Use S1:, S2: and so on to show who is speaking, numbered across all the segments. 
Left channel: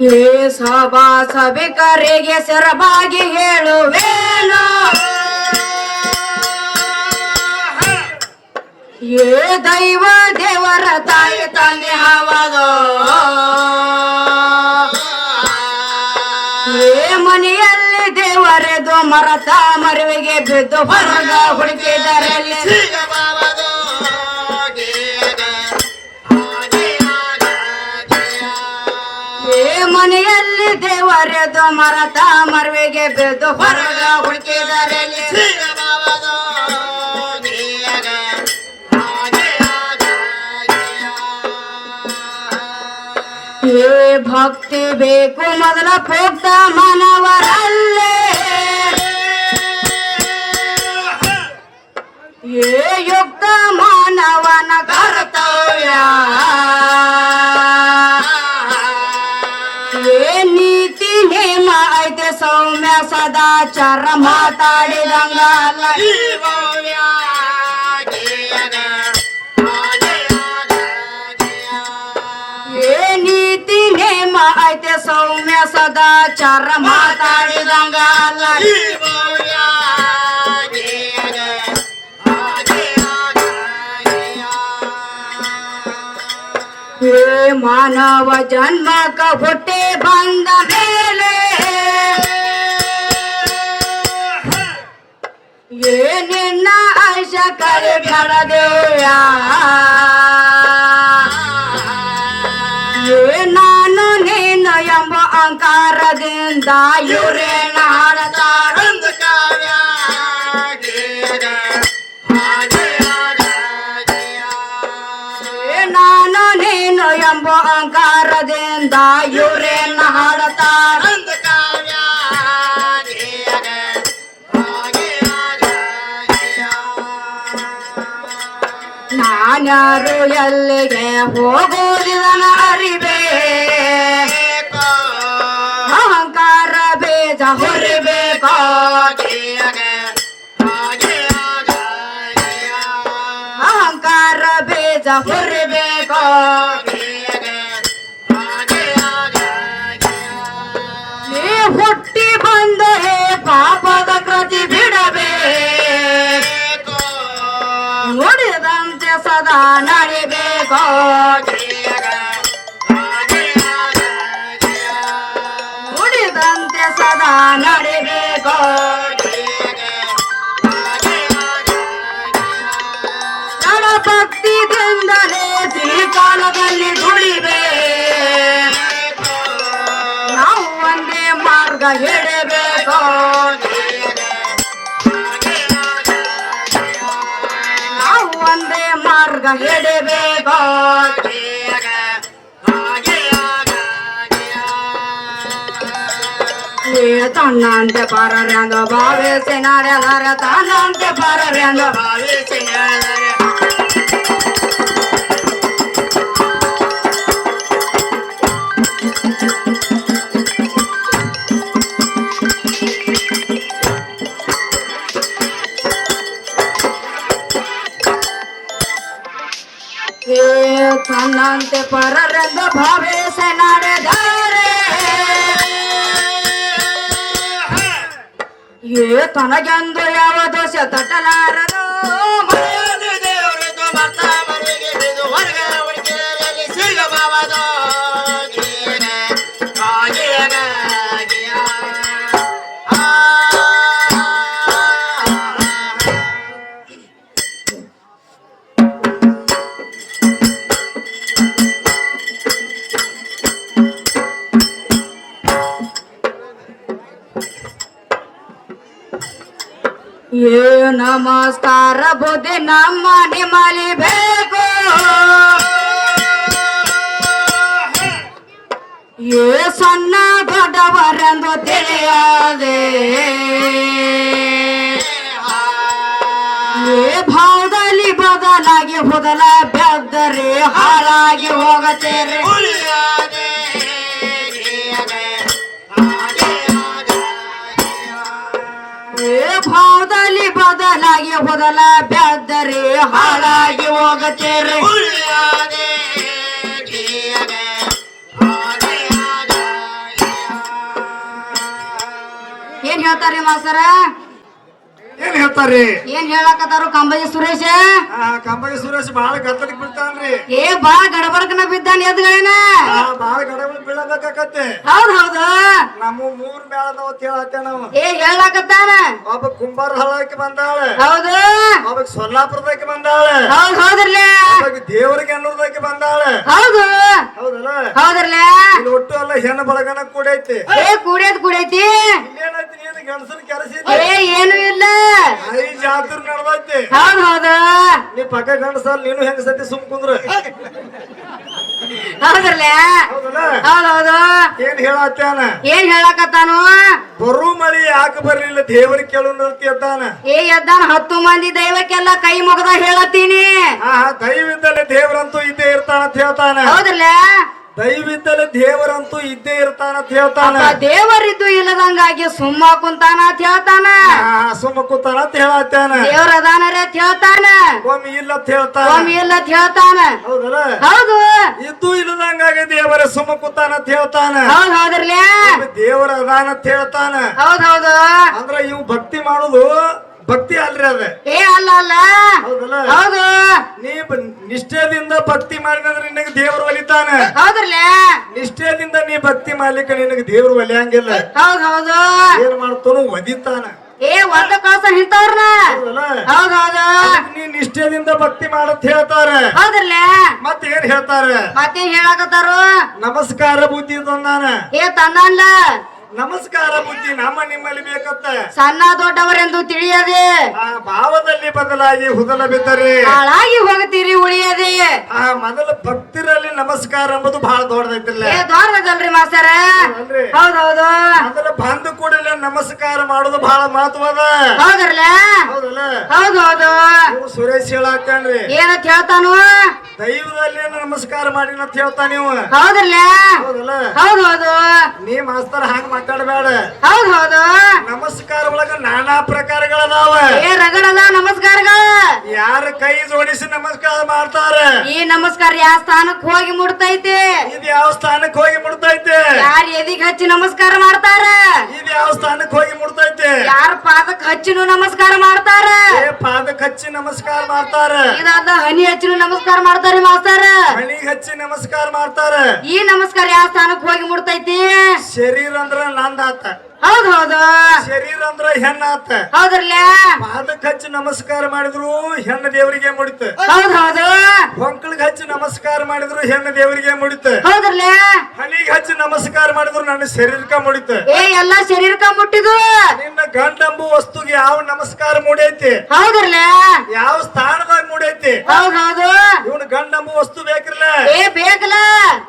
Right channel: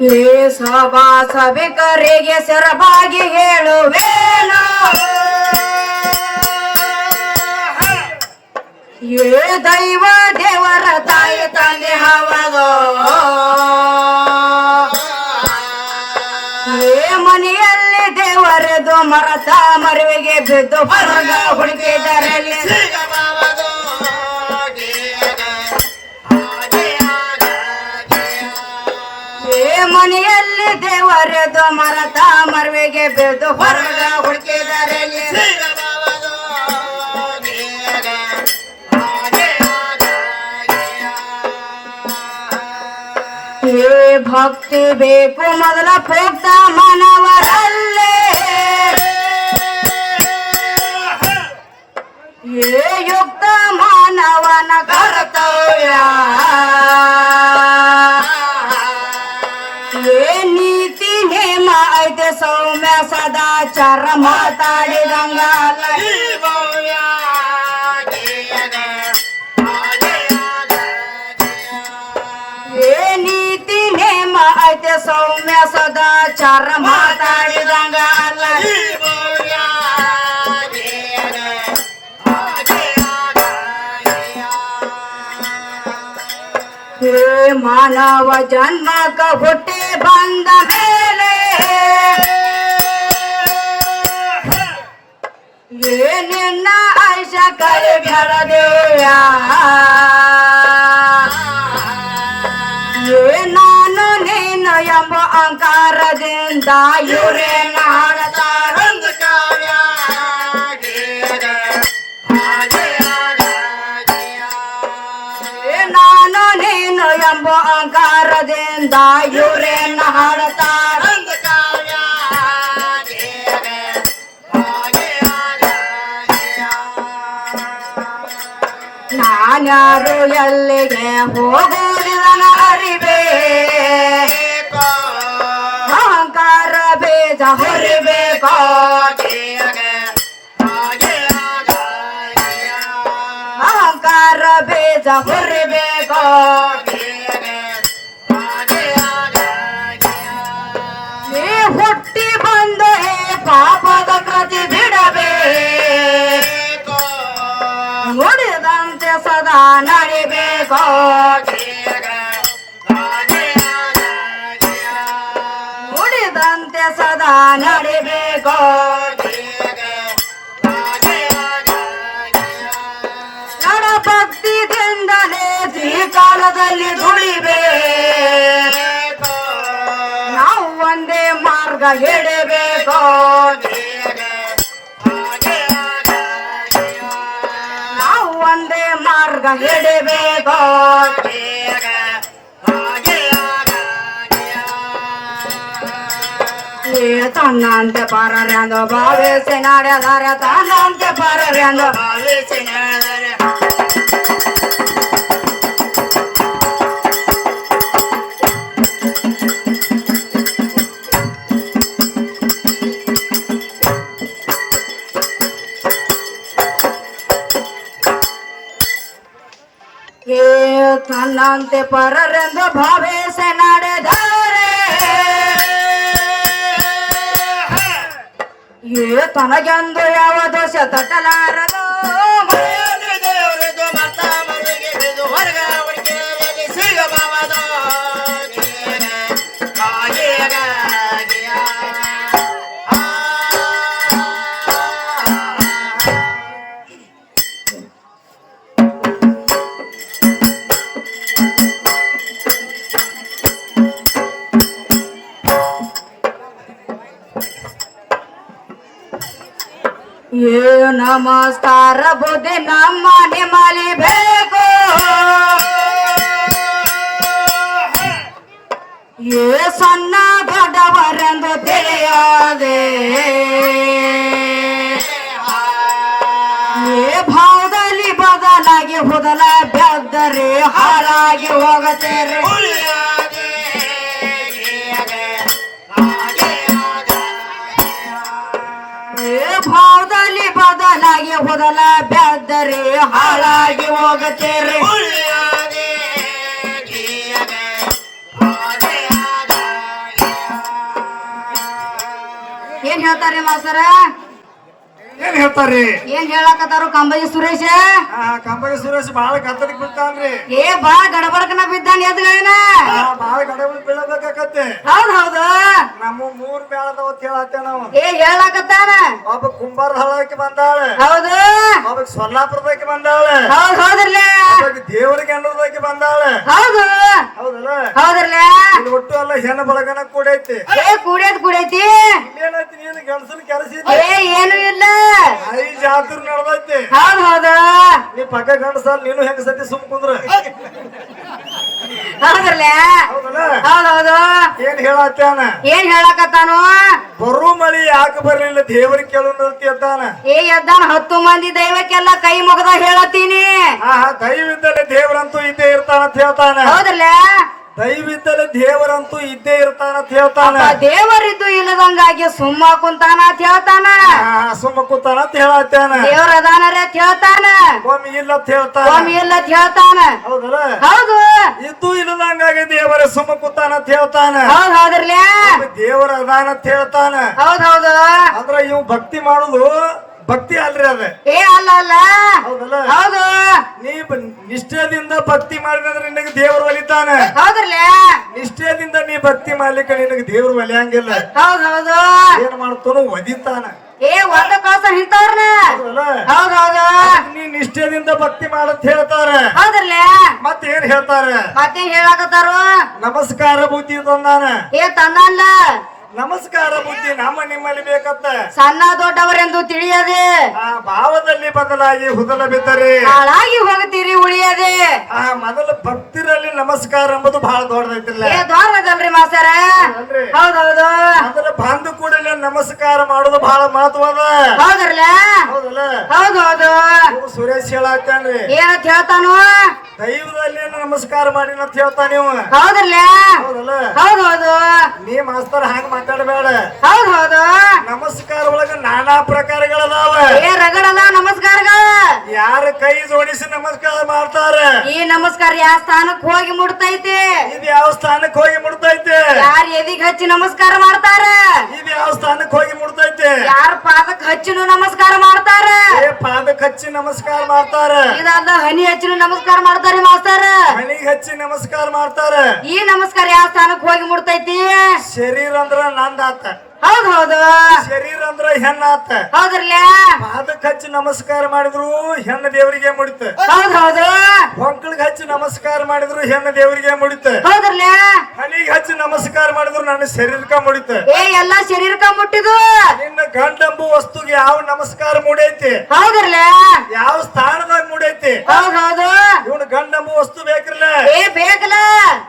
S1: ಸಭಾ ಸಭಿಕರಿಗೆ ಸೆರಬಾಗಿ ಹೇಳುವೇನು ಏ ದೈವ ದೇವರ ತಾಯಿ ತಂದೆ ಹವದು ಏ ಮನೆಯಲ್ಲಿ ದೇವರೆದು ಮರತ ಮರುವಿಗೆ ಬಿದ್ದು ಹೊರಗ ಹುಡುಕಿದರಲ್ಲಿ. ದೇವರೆದು ಮರತ ಮರುವಿಗೆ ಬಿದ್ದು ಹೊರಗ ಹುಡುಕಿದರೆ ಭಕ್ತಿ ಬೇಕು ಮೊದಲ ಪೋಕ್ತ ಮಾನವರಲ್ಲೇ. ಏ ಯುಕ್ತ ಮಾನವನ ಸದಾಚಾರ ಮಾತಾಡಿದಂಗ. ಏ ನೀತಿ ನೇಮ ಐತೆ ಸೌಮ್ಯ ಸದಾಚಾರ ಮಾತಾಡಿದಂಗ ಮಾನವ ಜನ್ಮಕ ಹುಟ್ಟಿ ಬಂದ ನಿನ್ನ ಕಲಿ ಬೆಳದೇಯ ಏ ನಾನು ನೀನು ಎಂಬ ಅಂಕಾರದಿಂದ ಇವರೇ ಹಾಡತಾರಂದ ನಾನು ನೀನು ಎಂಬ ಅಂಕಾರದಿಂದ ಇವರೇನ ಹಾಡತಾರಂದ ನಾನ್ಯಾರು ಎಲ್ಲಿಗೆ ಹೋಗುವುದಿಲ್ಲ ಅರಿಬೇ ಅಹಂಕಾರ ಬೇಜ ಹೊರಿಬೇಕು ತ್ರಿಕಾಲದಲ್ಲಿ ದುಡಿಬೇ ನಾವು ಒಂದೇ ಮಾರ್ಗ ಹಿಡಬೇಕು ನಾವು ಒಂದೇ ಮಾರ್ಗ ಹಿಡಬೇಕು ತನ್ನಂತೆ ಪರರೆಂದು ಭಾವಿಸಿ ನಡೆದರೆ ತನ್ನಂತೆ ಪರರೆಂದು ಭಾವಿಸಿ ನಡೆದರೆ ತನ್ನಂತೆ ಪರರೆಂದು ಭಾವಿಸಿ ನಡೆದರೆ ಏ ತನಗೆಂದು ಯಾವ ದೋಷ ತಟ್ಟಲಾರದು ಏ ನಮಸ್ಕಾರ ಬುದ್ಧಿ ನಮ್ಮ ನಿಮಲಿಬೇಕು ಏ ಸಣ್ಣ ದೊಡ್ಡವರೆಂದು ತಿಳಿಯದೆ. ಏ ಭಾವದಲ್ಲಿ ಬದಲಾಗಿ ಬದಲ ಬೆದ್ದರೆ ಹಾಳಾಗಿ ಹೋಗತೇರೆ ठेवता रे
S2: माणसरा ಏನ್ ಹೇಳ್ತಾರಿ
S1: ಏನ್ ಹೇಳಕತ್ತಾರು ಕಂಬಜಿ ಸುರೇಶ?
S2: ಆ ಕಂಬಗೆ ಸುರೇಶ್ ಬಾಳ ಗದ್ದಲಿಗೆ ಬಿಡ್ತಾನ್ರಿ
S1: ಏ ಬಹಳ ಗಡಬಡಕನ ಬಿದ್ದಾನ ಎದ್ಗಳೇನ
S2: ಬಹಳ ಗಡಬಡ ಬೀಳಬೇಕಾಕತ್ತೆ.
S1: ಹೌದ್ ಹೌದು.
S2: ನಮ್ಮ ಮೂರ್ ಮೇಳದವತ್ ಅಂತ ಹೇಳತ್ತೆ ನಾವು
S1: ಏ ಹೇಳಕತ್ತಾನ?
S2: ಒಬ್ಬ ಕುಂಬಾರ ಹಳಕ್ಕೆ ಬಂದಾಳ.
S1: ಹೌದು.
S2: ಒಬ್ಬ ಸೊಲ್ಲಾಪುರದಕ್ಕೆ ಬಂದಾಳೆ.
S1: ಹೌದ್ ಹೌದ್ರಲ್ಲ.
S2: ಒಬ್ಬ ದೇವರಿಗೆ ಅನ್ನೋದಕ್ಕೆ ಬಂದಾಳ.
S1: ಹೌದು.
S2: ಹೌದಲ್ಲ?
S1: ಹೌದ್ರಲ್ಲ.
S2: ಒಟ್ಟು ಅಲ್ಲ ಹೆಣ್ಣು ಬಳಗನ ಕೂಡೈತಿ.
S1: ಏ ಕೂಡೇದ್ ಕೂಡೈತಿ?
S2: ಏನೈತಿ ನೀನು ಗಂಡಸನ್ ಕೆಲಸ
S1: ಏ ಏನು ಇಲ್ಲ.
S2: ಐ ಜಾತ್ರೆ ನಡೆದೈತಿ.
S1: ಹೌದ್ ಹೌದ.
S2: ನೀ ಪಕ್ಕ ಗಂಡಸಲ್ ನೀನು ಹೆಂಗ ಸತಿ ಸುಮ್ ಕುಂದ್ರ?
S1: ಹೌದ್ರಲ್ಲ? ಹೌದ್ ಹೌದು.
S2: ಏನ್ ಹೇಳತ್ತಾನ
S1: ಏನ್ ಹೇಳಕತ್ತಾನು?
S2: ಬರು ಮಳಿ ಯಾಕೆ ಬರ್ಲಿಲ್ಲ ದೇವ್ರ ಕೇಳು ಅಂತ ಎದ್ದಾನ?
S1: ಏ ಎದ್ದಾನ ಹತ್ತು ಮಂದಿ ದೈವಕ್ಕೆಲ್ಲ ಕೈ ಮುಗದ ಹೇಳತ್ತೀನಿ.
S2: ಆ ದೈವಿದ್ದಲೆ ದೇವರಂತೂ ಇದ್ದೇ ಇರ್ತಾನ ಅಂತ ಹೇಳ್ತಾನ.
S1: ಹೌದ್ರಲ್ಲ?
S2: ದೈವಿದ್ದಲೆ ದೇವರಂತೂ ಇದ್ದೇ ಇರ್ತಾನ ಅಂತ ಹೇಳ್ತಾನ.
S1: ದೇವರಿದ್ದು ಇಲ್ಲದಂಗಾಗಿ ಸುಮ್ಮ ಕುಂತಾನ ಅಂತ ಹೇಳ್ತಾನ.
S2: ಸುಮ್ಮ ಕುಂತಾನ ಅಂತ ಹೇಳತ್ತಾನ.
S1: ದೇವರ ಅದಾನರೇ ಅಂತ ಹೇಳ್ತಾನ.
S2: ಒಮ್ಮೆ ಇಲ್ಲ ಅಂತ ಹೇಳ್ತಾನ.
S1: ಒಮ್ಮೆ ಇಲ್ಲ ಅಂತ ಹೇಳ್ತಾನ.
S2: ಹೌದಲ್ಲ?
S1: ಹೌದು.
S2: ಇದ್ದು ಇಲ್ಲದಂಗಾಗಿ ದೇವರ ಸುಮ್ಮ ಕುಂತಾನ ಅಂತ ಹೇಳ್ತಾನ.
S1: ಹೌದ್ ಹೌದ್ರಲ್ಲ.
S2: ದೇವರ ಅದಾನ ಅಂತ ಹೇಳ್ತಾನ.
S1: ಹೌದ್ ಹೌದು.
S2: ಅಂದ್ರ ಇವ್ ಭಕ್ತಿ ಮಾಡುದು ಭಕ್ತಿ ಅಲ್ರಿ ಅದ.
S1: ಏ ಅಲ್ಲ ಅಲ್ಲ.
S2: ಹೌದಲ್ಲ?
S1: ಹೌದು.
S2: ನೀ ಬ- ನಿಷ್ಠೆದಿಂದ ಭಕ್ತಿ ಮಾಡಿದ್ರೆ ನಿನಗೆ ದೇವರು ಒಲಿತಾನೆ.
S1: ಹೌದ್ರಲ್ಲ?
S2: ನಿಷ್ಠೆಯಿಂದ ನೀ ಭಕ್ತಿ ಮಾಡ್ಲಿಕ್ಕೆ ನಿನಗೆ ದೇವರು ಒಲಿಯಂಗಿಲ್ಲ.
S1: ಹೌದ್ ಹೌದು.
S2: ಏನ್ ಮಾಡ್ತಾನು ಒದಿತಾನ.
S1: ಏ ಒಂದ ಕಳ್ಸ ನಿಂತವ್ರನ್ನ
S2: ಹೌದಲ್ಲ?
S1: ಹೌದ್ ಹೌದು.
S2: ಅದಕ್ಕೆ ನೀ ನಿಷ್ಠೆಯಿಂದ ಭಕ್ತಿ ಮಾಡತ್ ಹೇಳ್ತಾರೆ.
S1: ಹೌದ್ರಲ್ಲ?
S2: ಮತ್ ಏನ್ ಹೇಳ್ತಾರೆ?
S1: ಮತ್ತೆ ಹೇಳಕತ್ತಾರು?
S2: ನಮಸ್ಕಾರ ಬುದ್ಧಿ ತಂದಾನ.
S1: ಏ ತಂದಲ್ಲ
S2: ನಮಸ್ಕಾರ ಬುದ್ಧಿ ನಮ್ಮ ನಿಮ್ಮಲ್ಲಿ ಬೇಕತ್ತ
S1: ಸಣ್ಣ ದೊಡ್ಡವರೆಂದು ತಿಳಿಯದೆ.
S2: ಆ ಭಾವದಲ್ಲಿ ಬದಲಾಗಿ ಹುದಲ ಬಿದ್ದರೆ?
S1: ಹಾಳಾಗಿ ಹೋಗ್ತೀರಿ ಉಳಿಯದೆ.
S2: ಆ ಮೊದಲ ಭಕ್ತಿರಲ್ಲಿ ನಮಸ್ಕಾರ ಎಂಬುದು ಬಹಳ ದೊಡ್ಡದೈತಿಲ್ಲ
S1: ದೊಡ್ಡದಲ್ರಿ ಮಾಸ್ತರ? ಹೌದೌದು.
S2: ಮೊದಲ ನಮಸ್ಕಾರ ಮಾಡೋದು ಬಹಳ ಮಹತ್ವ
S1: ಹೌದ್ರಲ್ಲ?
S2: ಹೌದಲ್ಲ?
S1: ಹೌದೌದು.
S2: ಸುರೇಶ್ ಹೇಳಾಕಂಡ್ರಿ
S1: ಏನಂತ ಹೇಳ್ತಾನು?
S2: ದೈವದಲ್ಲಿ ನಮಸ್ಕಾರ ಮಾಡಿ ಅಂತ ಹೇಳ್ತಾ ನೀವು?
S1: ಹೌದ್ರಲ್ಲ?
S2: ಹೌದಲ್ಲ?
S1: ಹೌದೌದು.
S2: ನೀ ಮಾಸ್ತರ್ ಹಾಂಗ ಮಾತಾಡಬೇಡ.
S1: ಹೌದೌದು.
S2: ನಮಸ್ಕಾರ ಒಳಗ ನಾನಾ ಪ್ರಕಾರಗಳದಾವ.
S1: ಏ ರಗಡದ ನಮಸ್ಕಾರಗಳು.
S2: ಯಾರ ಕೈ ಜೋಡಿಸಿ ನಮಸ್ಕಾರ ಮಾಡ್ತಾರೆ?
S1: ಈ ನಮಸ್ಕಾರ ಯಾವ ಸ್ಥಾನಕ್ ಹೋಗಿ ಮುಡ್ತೈತೆ?
S2: ಇದು ಯಾವ ಸ್ಥಾನಕ್ಕೆ ಹೋಗಿ ಮುಡ್ತೈತೆ?
S1: ಯಾರ ಎದಿಗ್ ಹಚ್ಚಿ ನಮಸ್ಕಾರ ಮಾಡ್ತಾರ?
S2: ಇದು ಯಾವ ಸ್ಥಾನಕ್ಕೆ ಹೋಗಿ ಮುಡ್ತೈತೆ?
S1: ಯಾರ ಪಾದಕ್ ಹಚ್ಚಿನೂ ನಮಸ್ಕಾರ ಮಾಡ್ತಾರ?
S2: ಏ ಪಾದಕ್ಕೆ ಹಚ್ಚಿ ನಮಸ್ಕಾರ ಮಾಡ್ತಾರ.
S1: ಇದಾದ ಹನಿ ಹಚ್ಚಿನೂ ನಮಸ್ಕಾರ ಮಾಡ್ತಾರ ಮಾಸ್ತಾರ.
S2: ಹನಿ ಹಚ್ಚಿ ನಮಸ್ಕಾರ ಮಾಡ್ತಾರ.
S1: ಈ ನಮಸ್ಕಾರ ಯಾವ ಸ್ಥಾನಕ್ ಹೋಗಿ ಮುಡ್ತೈತಿ?
S2: ಶರೀರ ಅಂದ್ರ ನಂದಾತ.
S1: ಹೌದ್ ಹೌದು.
S2: ಶರೀರ ಅಂದ್ರ ಹೆಣ್ಣಾತ
S1: ಹೌದ್ರಲ್ಲ?
S2: ಹಚ್ಚಿ ನಮಸ್ಕಾರ ಮಾಡಿದ್ರು ಹೆಣ್ಣ ದೇವರಿಗೆ ಮುಡಿತ.
S1: ಹೌದ್ ಹೌದು.
S2: ಹೊಂಕಳಿಗೆ ಹಚ್ಚಿ ನಮಸ್ಕಾರ ಮಾಡಿದ್ರು ಹೆಣ್ಣ ದೇವರಿಗೆ ಮುಡಿತ.
S1: ಹೌದ್ರಲ್ಲ?
S2: ಹಣಿಗೆ ಹಚ್ಚಿ ನಮಸ್ಕಾರ ಮಾಡಿದ್ರು ನನ್ನ ಶರೀರಕ ಮುಡಿತ.
S1: ಏ ಎಲ್ಲಾ ಶರೀರಕ್ಕ ಮುಟ್ಟಿದು?
S2: ನಿನ್ನ ಗಂಡಂಬು ವಸ್ತುಗೆ ಯಾವ ನಮಸ್ಕಾರ ಮೂಡೈತಿ?
S1: ಹೌದ್ರಲ್ಲ?
S2: ಯಾವ ಸ್ಥಾನದಾಗ ಮೂಡೈತಿ?
S1: ಹೌದ್ ಹೌದು.
S2: ಇವನು ಗಂಡಂಬು ವಸ್ತು ಬೇಕಿರ್ಲ
S1: ಏ ಬೇಕಲ್ಲ.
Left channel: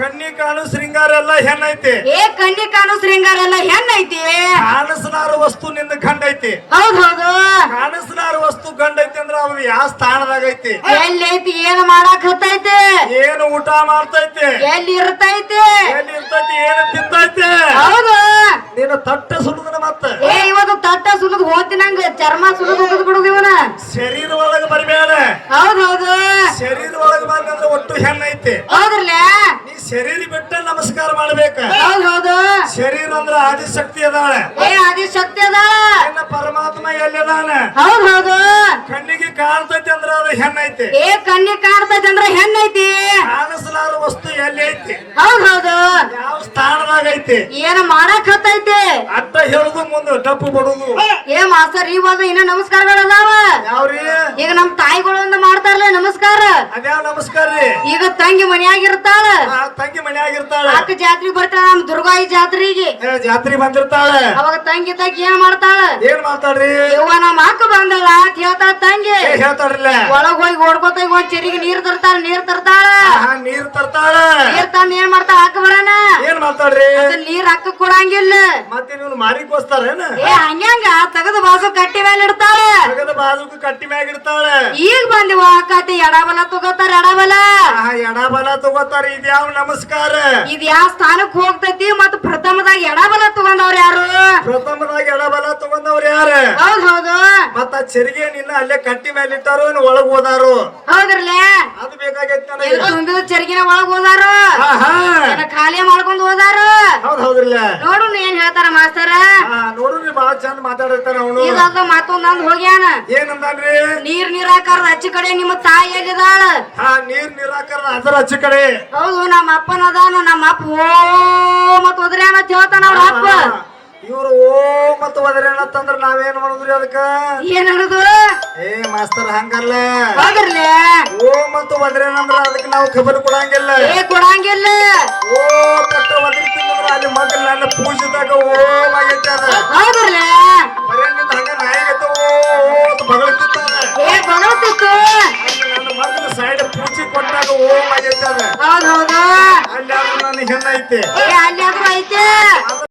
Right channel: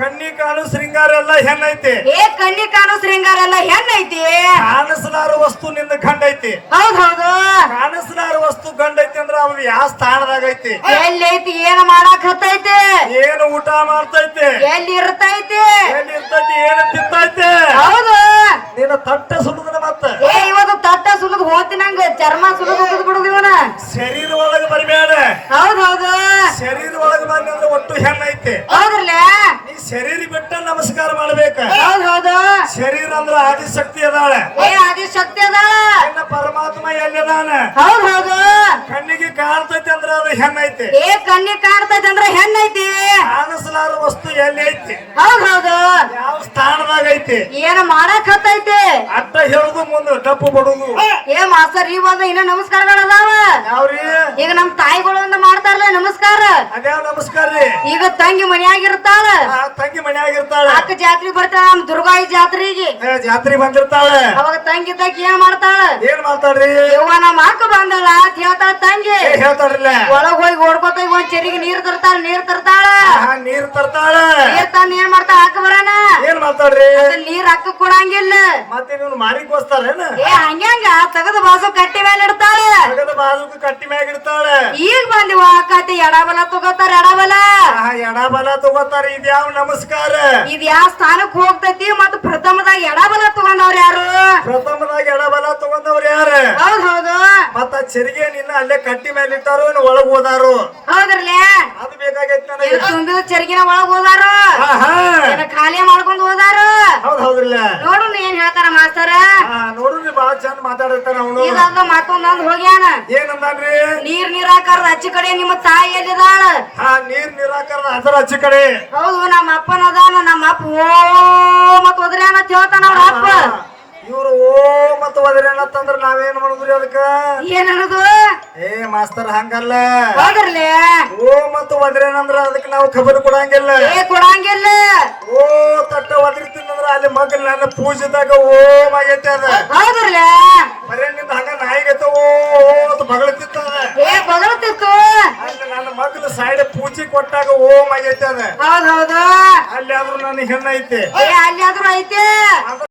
S2: ಕಣ್ಣಿ ಕಾಣು ಶೃಂಗಾರ ಎಲ್ಲ ಹೆಣ್ಣೈತಿ.
S1: ಏ ಕಣ್ಣಿ ಕಾಣು ಶೃಂಗಾರ ಎಲ್ಲ ಹೆಣ್ಣೈತಿ.
S2: ಕಾಣಿಸಲಾರ ವಸ್ತು ನಿನ್ನ ಗಂಡ ಐತಿ
S1: ಹೌದ್ ಹೌದು.
S2: ಕಾಣಿಸಲಾರ ವಸ್ತು ಗಂಡ ಐತಿ ಅಂದ್ರ ಅವ್ನು ಯಾವ ಸ್ಥಾನದಾಗ ಐತಿ
S1: ಎಲ್ಲಿ ಐತಿ ಏನ್ ಮಾಡಾಕ್ ಹತ್ತೈತಿ?
S2: ಏನು ಊಟ ಮಾಡ್ತೈತಿ?
S1: ಎಲ್ಲಿ ಇರ್ತೈತಿ?
S2: ಎಲ್ಲಿ ಇರ್ತೈತಿ ಏನು ತಿಂತೈತಿ?
S1: ಹೌದು.
S2: ನಿನ್ನ ತಟ್ಟ ಸುಲುದನ ಮತ್ತ.
S1: ಏ ಇವತ್ತು ತಟ್ಟ ಸುಲಿದ್ ಹೋತಿನಂಗ ಚರ್ಮ ಸುಲಿದ್ ಬಿಡುದು ಇವನ.
S2: ಶರೀರ ಒಳಗ ಬರಬೇಡ.
S1: ಹೌದ್ ಹೌದು.
S2: ಶರೀರ ಒಳಗ ಬಂದ ಅಂದ್ರೆ ಒಟ್ಟು ಹೆಣ್ಣೈತೆ
S1: ಹೌದ್ರಲ್ಲ?
S2: ನೀ ಶರೀರ ಬಿಟ್ಟ ನಮಸ್ಕಾರ ಮಾಡ್ಬೇಕ.
S1: ಹೌದ್ ಹೌದು
S2: ಶರೀರ ಅಂದ್ರ ಆದಿಶಕ್ತಿ ಅದಾಳ.
S1: ಏ ಆದಿ ಶಕ್ತಿ ಅದ?
S2: ನಿನ್ನ ಪರಮಾತ್ಮ ಎಲ್ಲಿದಾನ?
S1: ಹೌದ್ ಹೌದು.
S2: ಕಣ್ಣಿಗೆ ಕಾಣ್ತೈತಿ ಅಂದ್ರ ಅದು ಹೆಣ್ಣೈತಿ
S1: ಏ ಕಣ್ಣಿಗೆ ಕಾಣ್ತೈತಿ ಅಂದ್ರ ಹೆಣ್ಣೈತಿ
S2: ಕಾಣಿಸಲಾರ ವಸ್ತು ಎಲ್ಲಿ ಐತಿ?
S1: ಹೌದ್ ಹೌದು.
S2: ಯಾವ ಸ್ಥಾನದಾಗ ಐತಿ?
S1: ಏನ ಮಾಡಕ್ ಹತ್ತೈತಿ?
S2: ಅಡ್ಡ ಹೇಳುದು ಮುಂದ ಟಪ್ಪು ಬಡುದು.
S1: ಏ ಮಾಸ್ತರ್ ಇವಾಗ ಇನ್ನ ನಮಸ್ಕಾರಗಳದಾವ?
S2: ಯಾವ್ರಿ?
S1: ಈಗ ನಮ್ ತಾಯಿಗಳು ಒಂದು ಮಾಡ್ತಾರಲ್ಲ ನಮಸ್ಕಾರ.
S2: ಅದ್ಯಾವ ನಮಸ್ಕಾರ ರೀ?
S1: ಈಗ ತಂಗಿ ಮನೆಯಾಗಿರ್ತಾಳ.
S2: ತಂಗಿ ಮನೆಯಾಗಿರ್ತಾಳ.
S1: ಅಕ್ಕ ಜಾತ್ರೆ ಬರ್ತಾಳ ನಮ್ ದುರ್ಗಾಯಿ ಜಾತ್ರೆಗೆ.
S2: ಜಾತ್ರೆ ಬಂದಿರ್ತಾಳ.
S1: ಅವಾಗ ತಂಗಿ ತಂಗಿ ಏನ್ ಮಾಡ್ತಾಳ?
S2: ಏನ್ ಮಾಡ್ತಾಳ್ರಿ?
S1: ಯವ್ವ ನಮ್ಮ ಅಕ್ಕ ಬಂದಲ್ಲ ಅಂತ ಹೇಳ್ತಾಳ ತಂಗಿ.
S2: ಏ ಹೇಳ್ತಾಳ್ರಿಲ್ಲ.
S1: ಒಳಗ್ ಹೋಗಿ ಓಡ್ಕೋತ ಒಂದ್ ಚೆರಿಗೆ ನೀರ್ ತರ್ತಾಳ ನೀರ್ ತರ್ತಾಳ.
S2: ನೀರ್ ತರ್ತಾಳ.
S1: ನೀರ್ ತಂದ್ ಏನ್ ಮಾಡ್ತಾಳ ಅಕ್ಕ ಬರಾನ.
S2: ಏನ್ ಮಾಡ್ತಾಳ್ರಿ?
S1: ಅದ್ ನೀರ್ ಅಕ್ಕ ಕೊಡಂಗಿಲ್ಲ.
S2: ಮತ್ತೆ ನೀವು ಮಾರಿಕೋಸ್ತಾರೇನ?
S1: ಏ ಹಂಗ್ಯಾಂಗ ತಗದ ಬಾಜು ಕಟ್ಟಿ ಮೇಲೆ ಇಡ್ತಾಳ.
S2: ತಗದ ಬಾಜು ಕಟ್ಟಿ ಮ್ಯಾಗ ಇರ್ತಾಳ
S1: ಈಗ ಬಂದಿವ ಅಕ್ಕತಿ ಎಡಬಲ ತಗೋತಾರ ಎಡಬಲ?
S2: ಎಡಬಲ ತಗೋತಾರ ಇದ್ಯಾವ ನಮಸ್ಕಾರ?
S1: ಇದ್ ಯಾವ ಸ್ಥಾನಕ್ ಹೋಗ್ತೈತಿ ಮತ್ ಪ್ರಥಮದಾಗ ಎಡಬಲ ತಗೊಂಡವ್ರ ಯಾರು?
S2: ಪ್ರಥಮದಾಗ ಎಡಬಲ ತಗೊಂಡವ್ರ ಯಾರು?
S1: ಹೌದ್ ಹೌದು
S2: ಮತ್ತ ಚೆರಿಗೆ ನಿನ್ನ ಅಲ್ಲೇ ಕಟ್ಟಿ ಮೇಲೆ ಇಟ್ಟಾರು ಇನ್ನು ಒಳಗ್ ಹೋದಾರು?
S1: ಹೌದ್ರಲ್ಲೇ
S2: ಅದು ಬೇಕಾಗೈತಿ ನನಗೆ.
S1: ಇದು ತುಂಬಿದ ಚರ್ಗಿನ ಒಳಗ್ ಹೋದಾರ?
S2: ಆಹಾ.
S1: ಏನ ಖಾಲಿ ಮಾಡ್ಕೊಂಡ್ ಹೋದಾರು?
S2: ಹೌದ್ ಹೌದ್ರಲ್ಲ
S1: ನೋಡು ಏನ್ ಹೇಳ್ತಾರ ಮಾಸ್ತರ.
S2: ಬಹಳ ಬಾಳ ಚಂದ ಮಾತಾಡಿರ್ತಾರ ಅವನು.
S1: ಇದಾಗ ಮತ್ತೊಂದ್ ಹೋಗ್ಯಾನ.
S2: ಏನಂದಾನ್ರಿ?
S1: ನೀರ್ ನೀರಾಕಾರ ಅಚ್ಚ ಕಡೆ ನಿಮ್ಮ ತಾಯಿ ಎಲ್ಲಿದಾಳ?
S2: ಹಾ ನೀರ್ ನಿರಾಕರ ಅದರ ಹಚ್ಚಿ ಕಡೆ.
S1: ಹೌದು ನಮ್ಮ ಅಪ್ಪನ ಅದಾನ ನಮ್ಮ ಅಪ್ಪ ಓ ಮತ್ ಹೋದ್ರೆ ಅಂತ ಹೇಳ್ತಾನ ಅವ್ರ ಅಪ್ಪ.
S2: ಇವ್ರು ಓ ಮತ್ತು ಹೋದ್ರೆ ಏನತ್ತಂದ್ರ ನಾವೇನ್ ಮಾಡುದ್ರಿ ಅದಕ್ಕ?
S1: ಏನ್ ಅನ್ನೋದು?
S2: ಏ ಮಾಸ್ತರ್ ಹಂಗಲ್ಲ.
S1: ಹೋಗಿರ್ಲಿ?
S2: ಓ ಮತ್ತು ಹೋದ್ರೇನಂದ್ರ ಅದಕ್ಕೆ ನಾವು ಖಬರ್ ಕೊಡಂಗಿಲ್ಲ.
S1: ಏ ಕೊಡಂಗಿಲ್ಲ.
S2: ಓ ಕಟ್ಟ ಒದರ್ತಿಂದ್ರ ಅಲ್ಲಿ ಮೊದಲು ನನ್ನ ಪೂಜೆದಾಗ ಓಂ ಆಗೈತೆ ಅದ.
S1: ಹೌದಿರ್ಲಿ?
S2: ಬರೇ ನಿಂದ ಹಂಗ ನಾಯಿಗತ್ತ ಓ ಓ ಅಂತ ಬಗಳತಿತ್ತ
S1: ಏ
S2: ಅಲ್ಲಿ ನನ್ನ ಮಗನ ಸೈಡ್ ಪೂಜಿ ಕೊಟ್ಟಾಗ ಓಂ ಆಗೈತೆ ಅದ.
S1: ಹೌದ್ ಹೌದು.
S2: ಅಲ್ಲಿ ಆದ್ರೂ ನನ್ನ ಹೆಣ್ಣೈತೆ.
S1: ಏ ಅಲ್ಲಿ ಆದ್ರೂ ಐತೆ.